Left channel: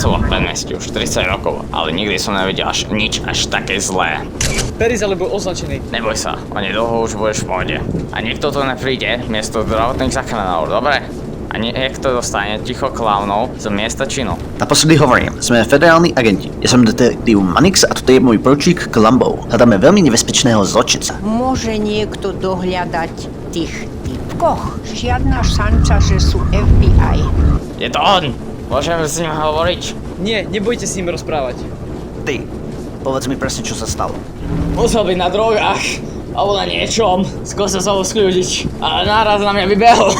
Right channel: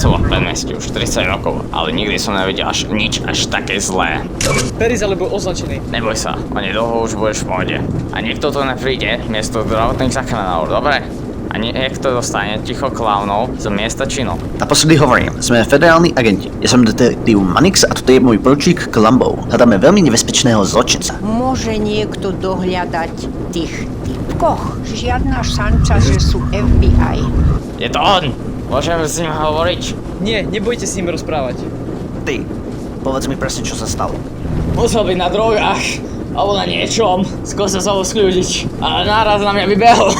pracoval v predmestí už 30 rokov, ale nikdy som nevidel nič až také zlé. Peris ale bol označený. Neboj sa, onedlho už budeš v pohode. A niekto tu nepríde miesto zdravotných záchranárov, dobre? A niekto dostane ticho klaunov z miesta činu. Naposledy hovorím, sme federálni agenti. Ja som detektív Manix a toto je môj poručík Columbo. Hľadáme veľmi nebezpečného zločinca. Môže niekto dohľadať tých typkoch? Žiadna šanca, že sú FBI. Je to on! Môžeme s ním hovoriť? Nie, nebojte s ním rozprávať. Ty, povedz mi presne, čo sa stalo. Musel byť na drogách, alebo na niečom. Skúsil sa ho skľúdiť, ale náraz na mňa vybehol.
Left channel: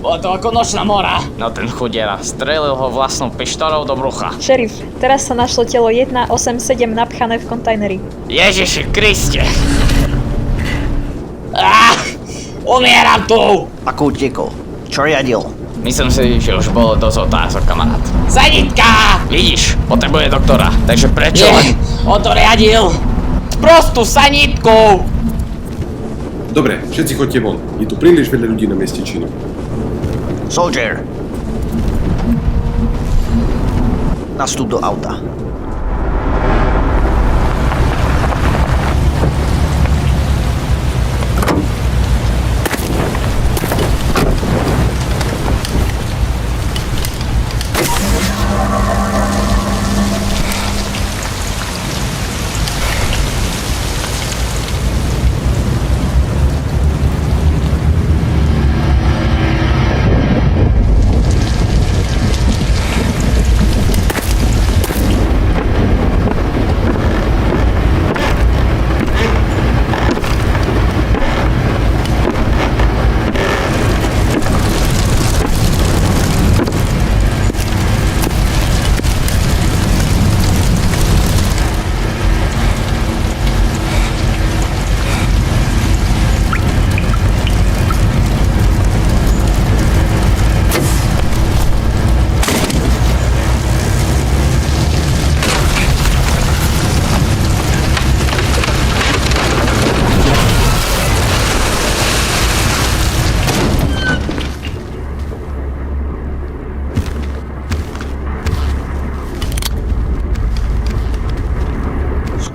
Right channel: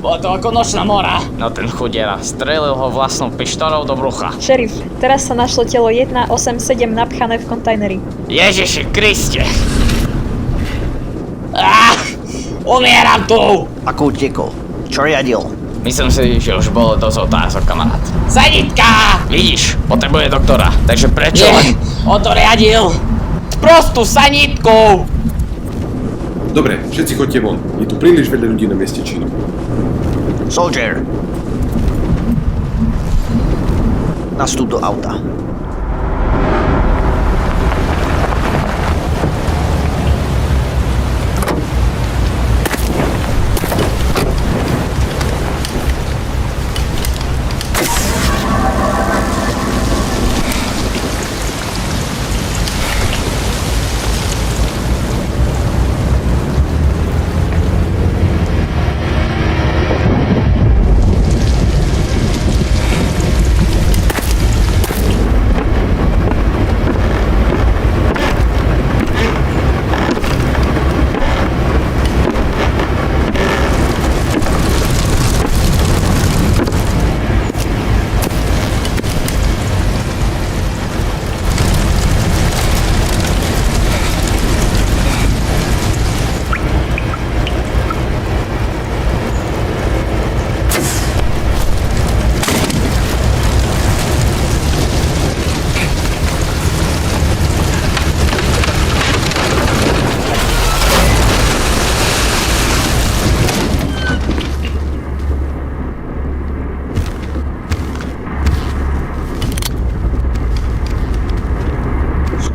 Bolo to ako nočná mora. No ten chudiera strelil ho vlastnou pištolou do brucha. Šerif, teraz sa našlo telo 187 napchané v kontajneri. Ježiši Kriste! Umieram tu! Ako utiekol? Čo riadil? Myslím si, že už bolo dosť otázok, kamarát. Sanitka! Vidíš, potrebuje doktora, takže prečo? Nie, on to riadil! Prostú sanitku! Dobre, všetci chodte von. Je tu príliš veľa ľudí na mieste činu. Soldier! Nastup do auta.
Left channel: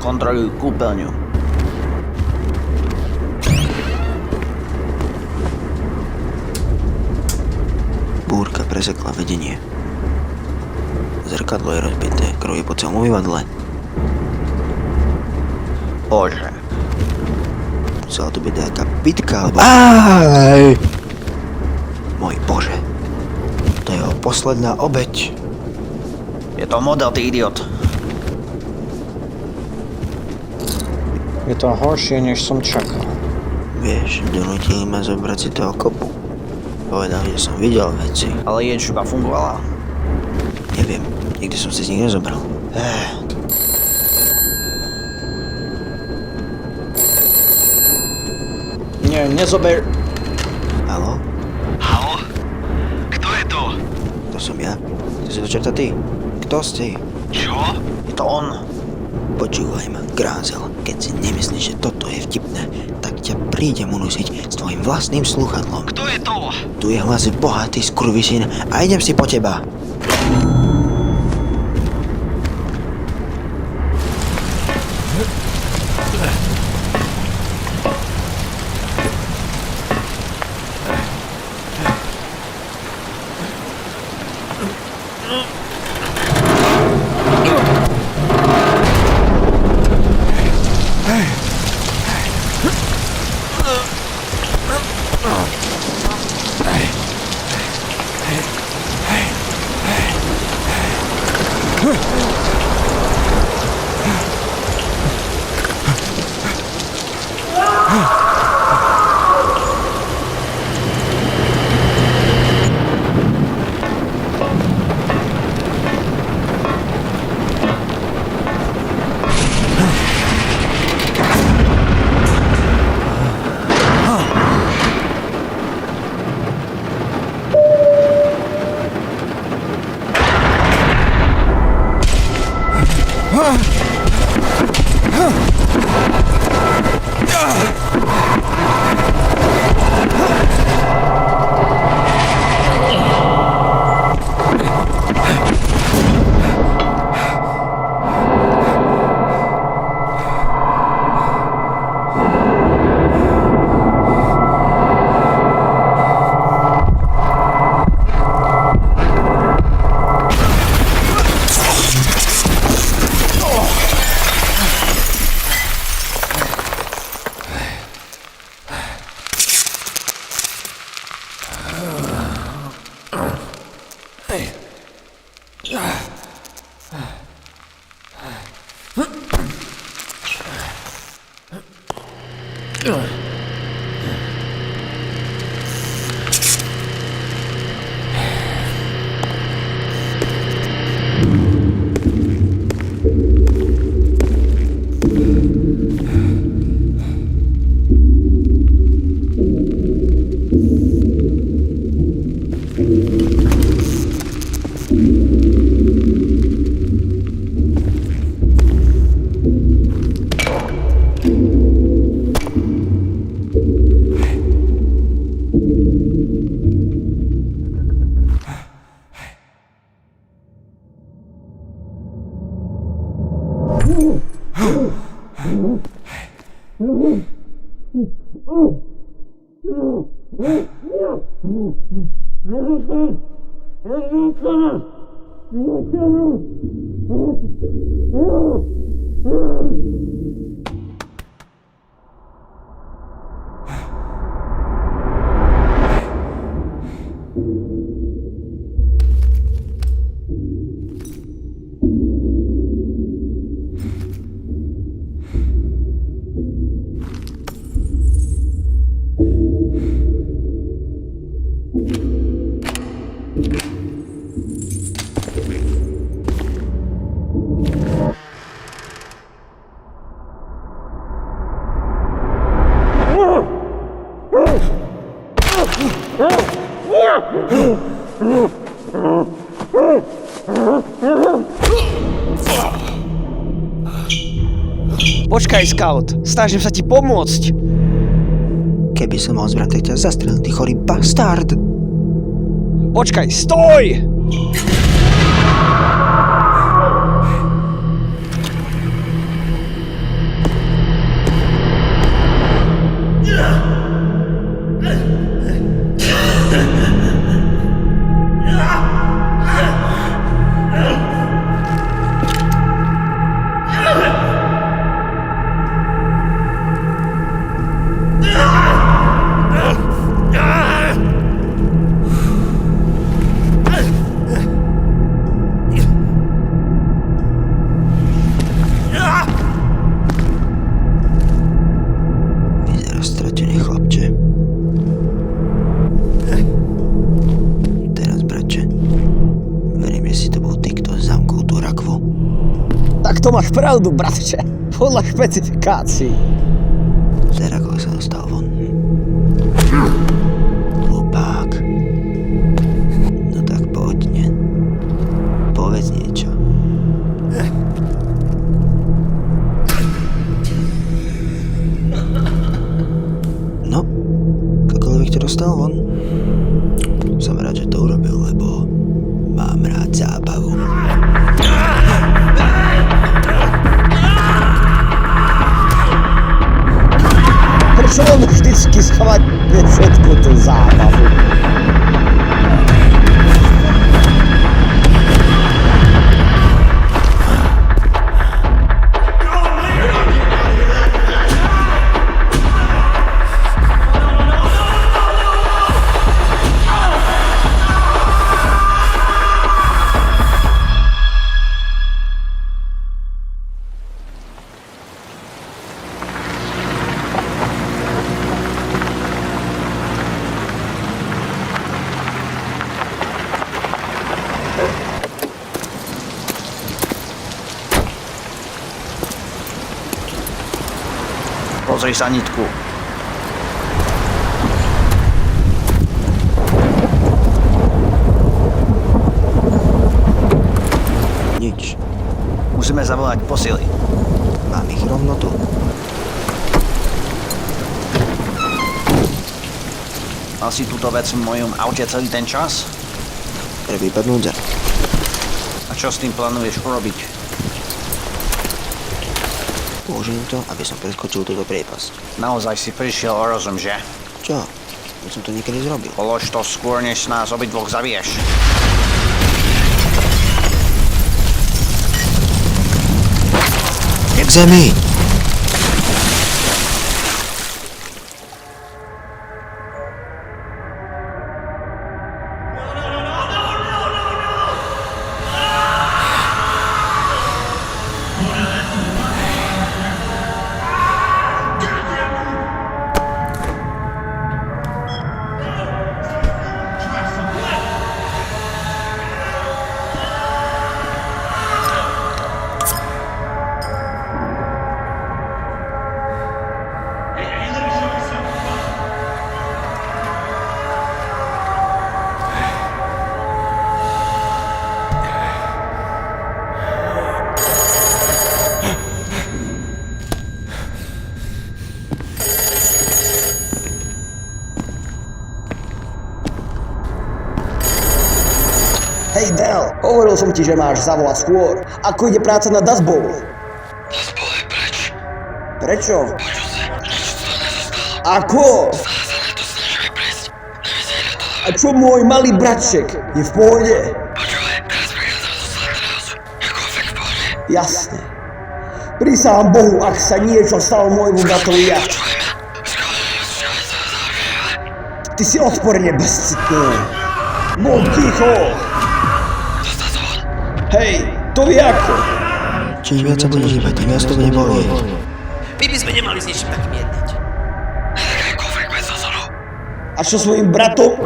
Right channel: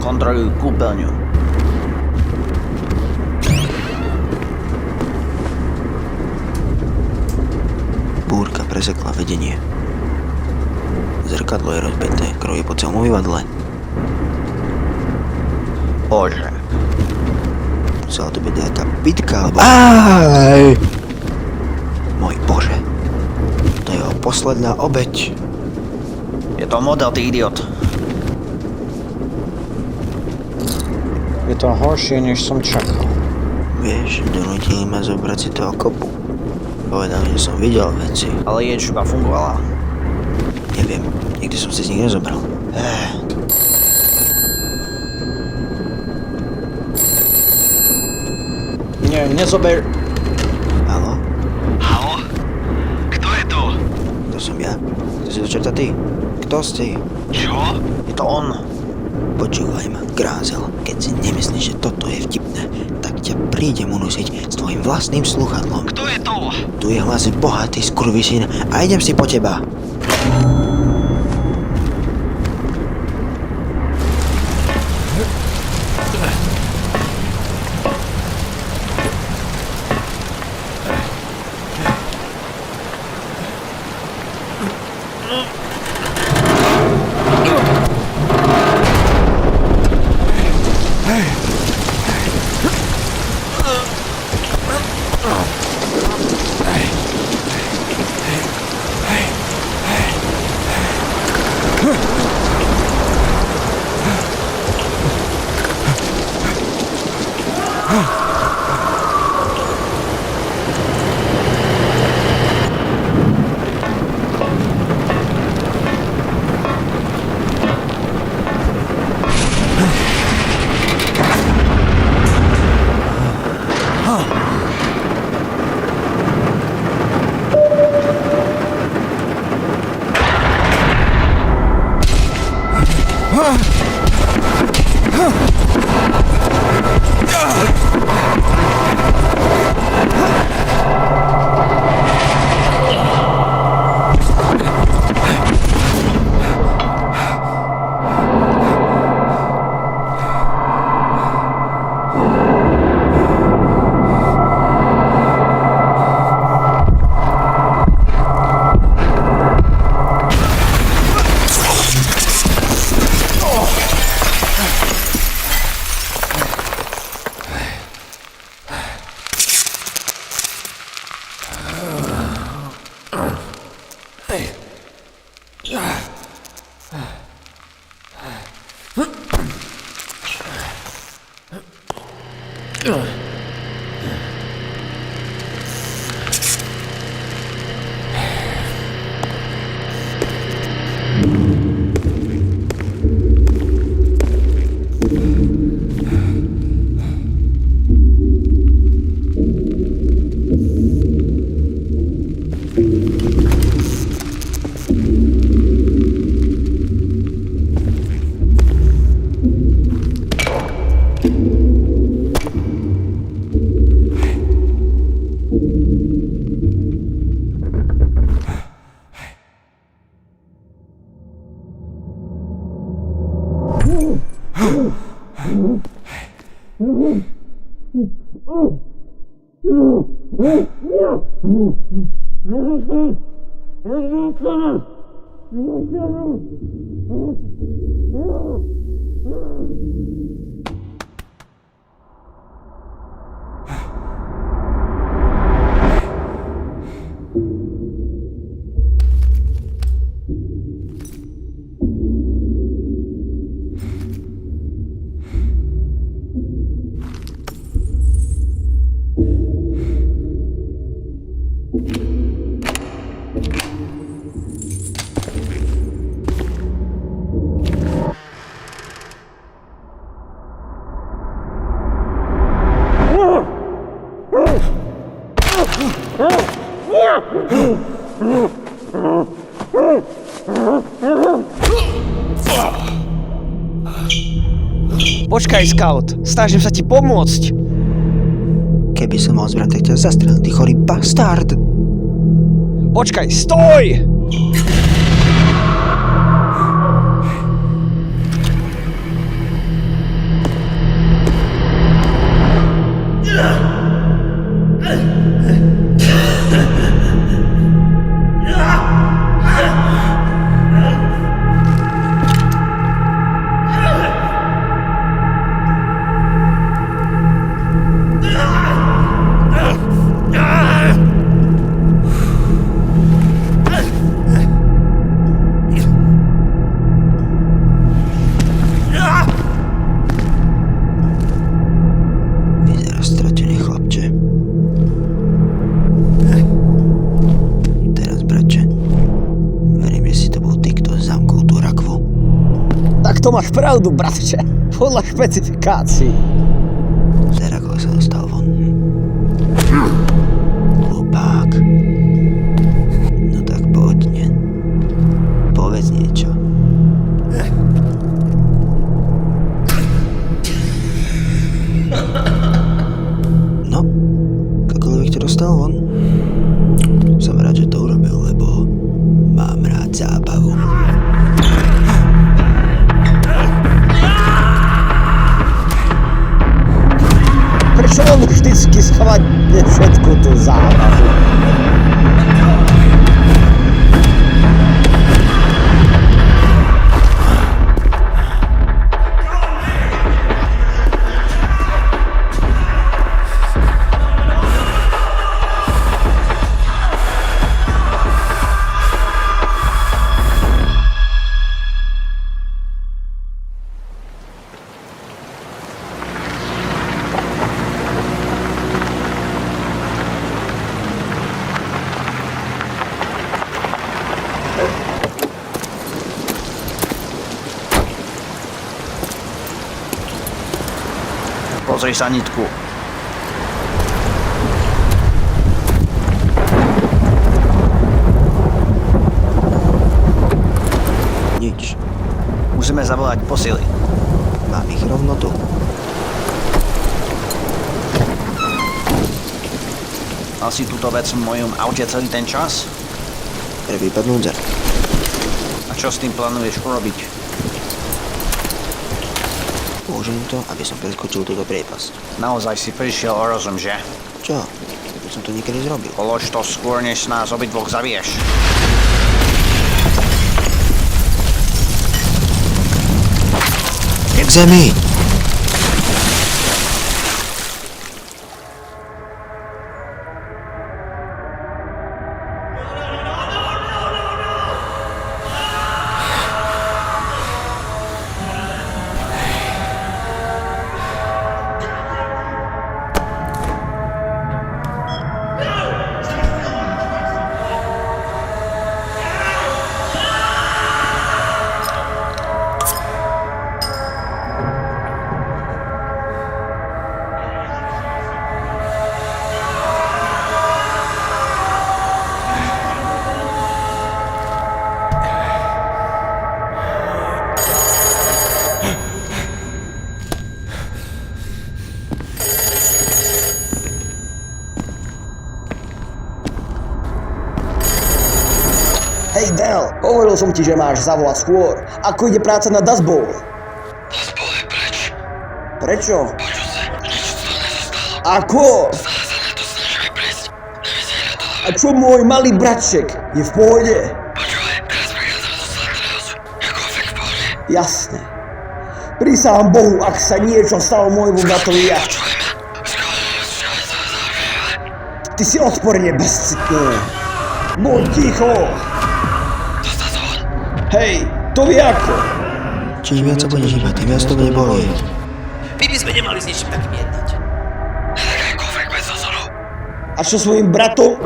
Kontroluj kúpeľňu. Búrka presekla vedenie. Zrkadlo je rozbité, krv je po celom umývadle. Bože. Musela to byť nejaká bitka, alebo... Aj! Môj Bože. To je jeho posledná obeť. Je to model, ty idiot. Je to horšie, než som čakal. Vieš, donútili ma zobrať si toho kopu. Povedali, že som videl veci. Ale ječba fungovala? Neviem, nikdy som si z nich nezobral. Nie, nezober... Haló? Haló? Kto je to? To som ja. To si to čerta ty. Kto si? Čo? Je to on. Počúvaj ma, Grázel. Keď si nemyslíš, že toto je vtipné, tak ťa prídem unusiť s tvojim vlastným sluchadlom. Kto je to? Tu je hlas bohatý skurvisín a idem si po teba. Počkaj, Scout. Snažím sa ti pomôcť. Keby som mal zbraň, tak ťa zastrelil, ty chorý bastard. Počkaj, stoj! Stratený chlapče. Teraz, bratče, verím, že si to bol ty, kto zamkol tú rakvu. Tak to máš pravdu, bratče. Podľa špecifikácií. Z rakva sa dostal von. Hlupák. No tak poďne. Povedz niečo. No, akoľvek to dostal von. Som rád, že to urobil, lebo mám rád zábavu. Prečo on vždycky schválne všetku tú zábavu? Pozri sa, nitku. Nič. Musíme zavolať posily. Mám ich rovno tu. Mal si túto vec v mojom aute celý ten čas? Pre prípad núdze. A čo s tým plánuješ urobiť? Použijem to, aby som preskočil túto priepasť. Naozaj si prišiel o rozum, že? Čo? Už som to niekedy zrobil. Polož to skôr, než nás obidvoch zabiješ. Jak zemi! Hej, Del, hovoril som ti, že máš zavolať skôr. Ako ide práca na Dust Bowl? Dust Bowl je Prečo? Ako? A čo môj malý bratček? Je v pohode? Jasné. Prísahám Bohu, ak sa niečo stalo môjmu bratovi ja. Ty si odporne bezcitný. Buď ticho. Hej, to vie ako. Čím viac sa budeš hýbať, tým viac to bude bolieť. My by sme nemali s niečím takým jednať. A čo s mojím bratom?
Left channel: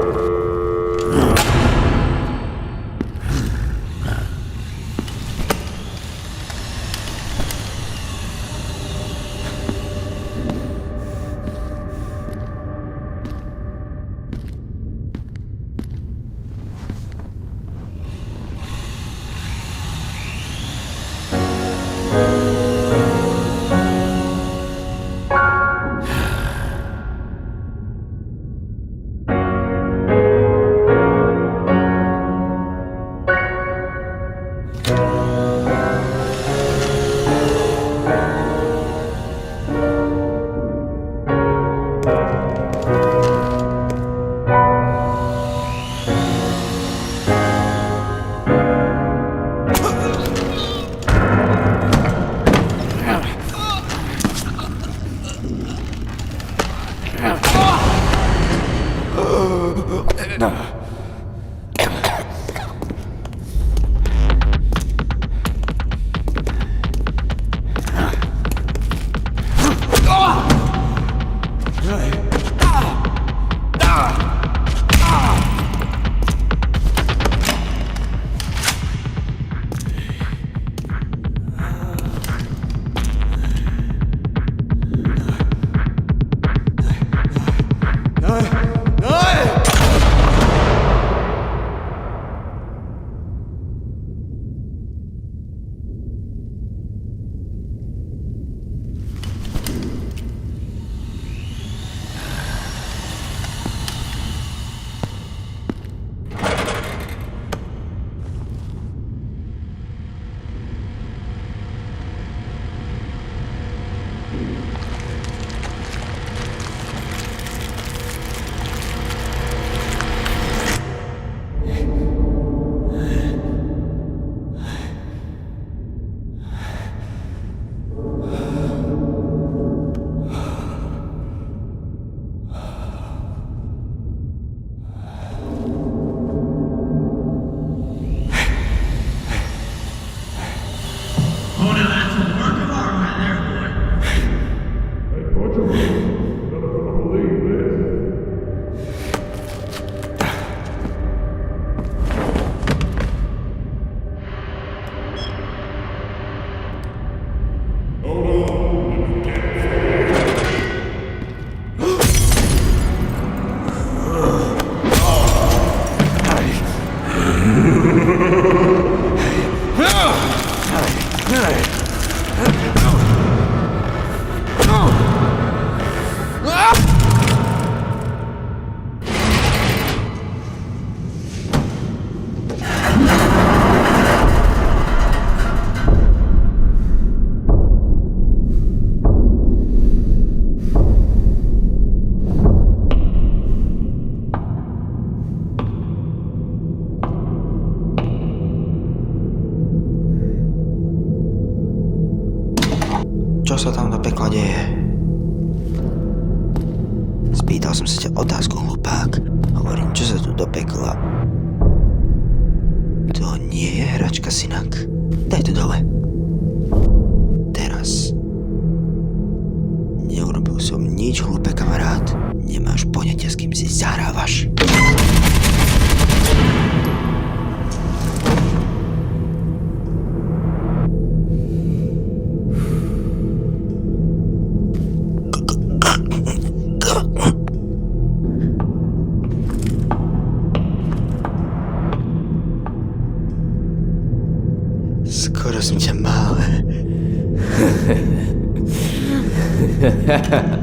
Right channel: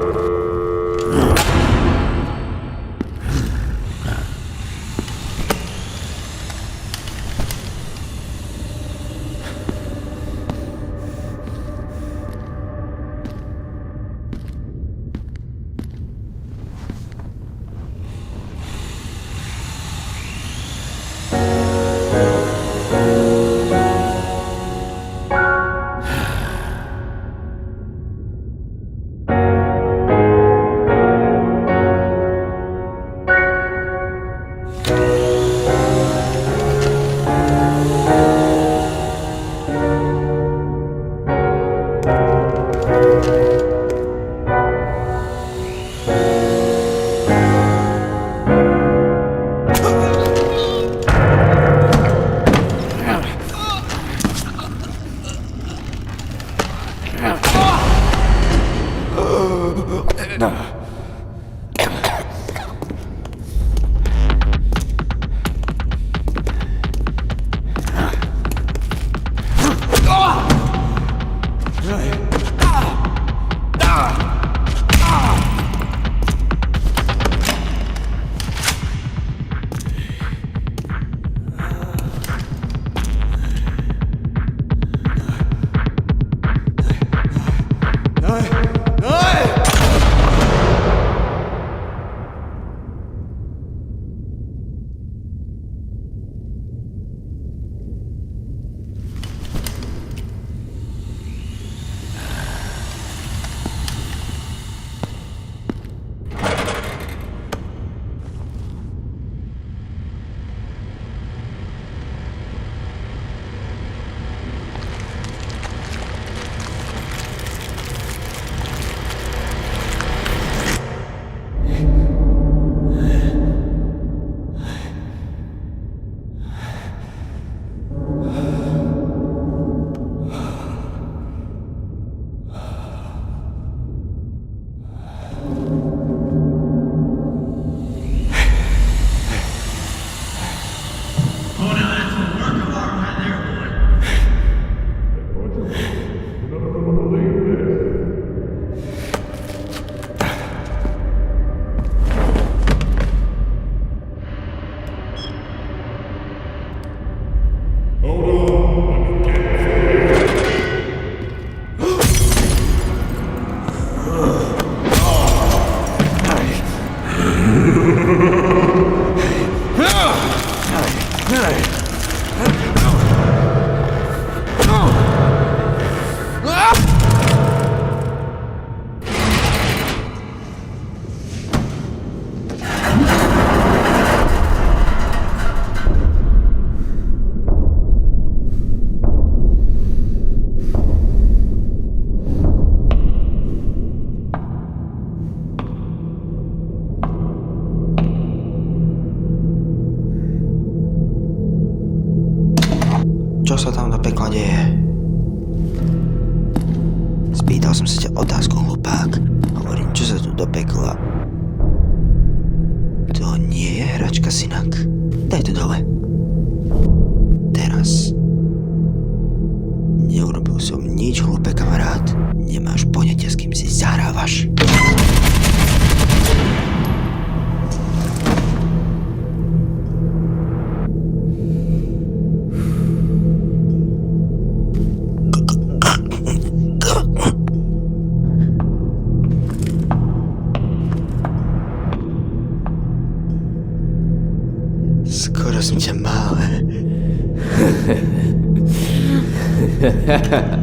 Čo sa tam do pekla deje? Spýtal som sa ťa otázku, hlupák. Hovorím, čo sa tu do pekla... To nie je hračka, synak. Daj to dole. Teraz. Neurobil som nič, hlupé kamarát. Nemáš poňatia, s kým si zahrávaš. Skoro som ťa mal. Ha ha ha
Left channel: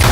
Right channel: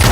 ha!